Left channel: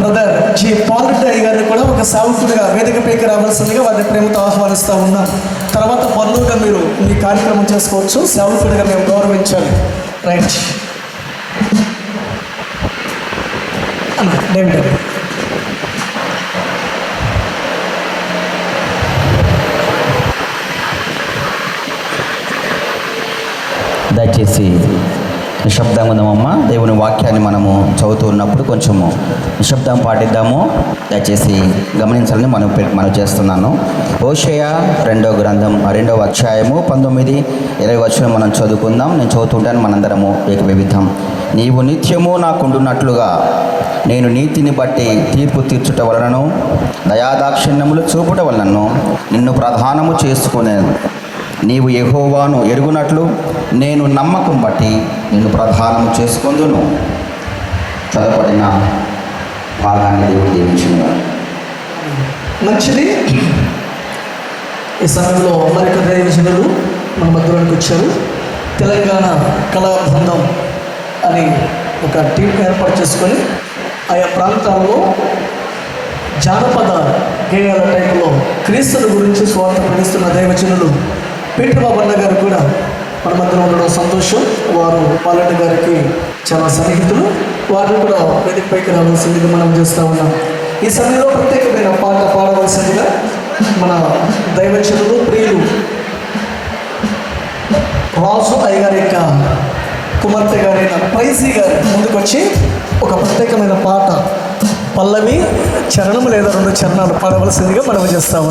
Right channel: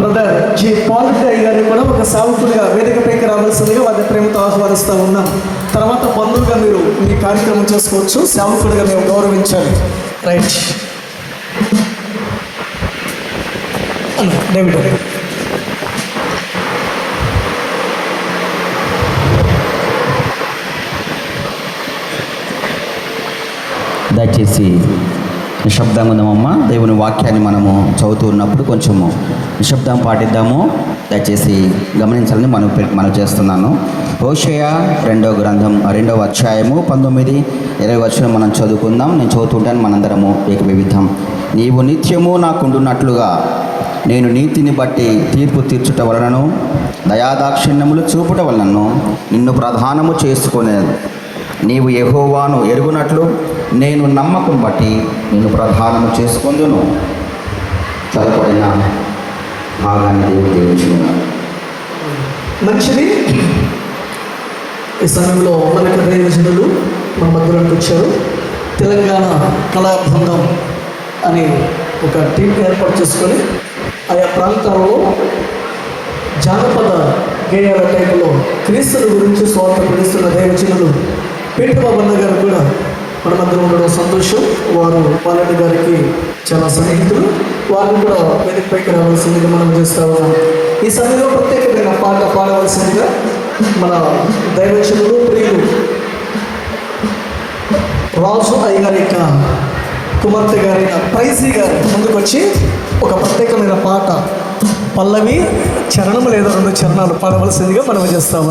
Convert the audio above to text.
Brother G Pal Reddy అయ్య గారిని కూడా ఒక సావుకునిగా వేదికపైకి రావాల్సిందిగా వారిని ప్రేమతో ఆహ్వానిస్తూ ఉన్నాం. తర్వాత బంధువుగా మీరు ఈ కార్యక్రమం చేసుకోవచ్చు. సావుకునిగా మేము గౌరవించాలి. Right David. దయచేసి నిశ్శబ్దంగా ఉందామమ్మా. దేవుని వాక్యాన్ని మనము చదువుతూ ఉన్నప్పుడు కొంచెము నిశ్శబ్దం పాటిద్దాము. దయచేసి గమనించాలని మనం చేస్తున్నాను. హోషేయ 2వ గ్రంథం 2వ అధ్యాయము 19-20 వచనం మనం చదువుకుందాం. నేను చదువుతుంటాను, మనందరము ఏకీభవిద్దాం. నీవు నిత్యము నాకుండున్నట్లుగా నేను నీతిని బట్టి తీర్పు తీర్చుట వలనను దయాదాక్షిణ్యములు చూపుట వలనను నిన్ను ప్రధానము చేసుకునేను. నీవు యెహోవాను ఎరుగునట్లు నేను నమ్మకం బట్టి నిన్ను ప్రధానము చేసుకొందును. చదవబడిన భాగాన్ని దేవుడు దీవించును. మంచిది. ఈ సమయంలో మనకి దైవజనులు మన మధ్యలోకి వచ్చారు. తెలంగాణ కళా బృందం అని ఒక టీం ఏర్పాటు చేసుకొని ఆయా ప్రాంతాల్లో జానపద గేయాల టైపులో క్రీస్తుల గురించి స్వార్థ ప్రకటిస్తున్న దైవజనులు పీటర్ బాబు అన్న గారు కూడా మన మధ్య ఉండడం సంతోషం. వారు పాలెడ్డి గారికి చాలా సన్నిహితులు. వారిని కూడా వేదికపైకి రావాల్సిందిగా మనం చేస్తూ ఉన్నాం. ఈ సమయంలో ప్రత్యేకమైన పాట పాడవలసిందిగా మన దైవజనులు ప్రియులు రాజు అయ్య గారి యొక్క కుమార్తె గారైన ప్రైజీ గారు ముందుకొచ్చి ఒక ప్రత్యేకమైన పాట, పల్లవి చరణం లేదా 2 చరణాలు పాడవలసిందిగా మనం చేస్తాము.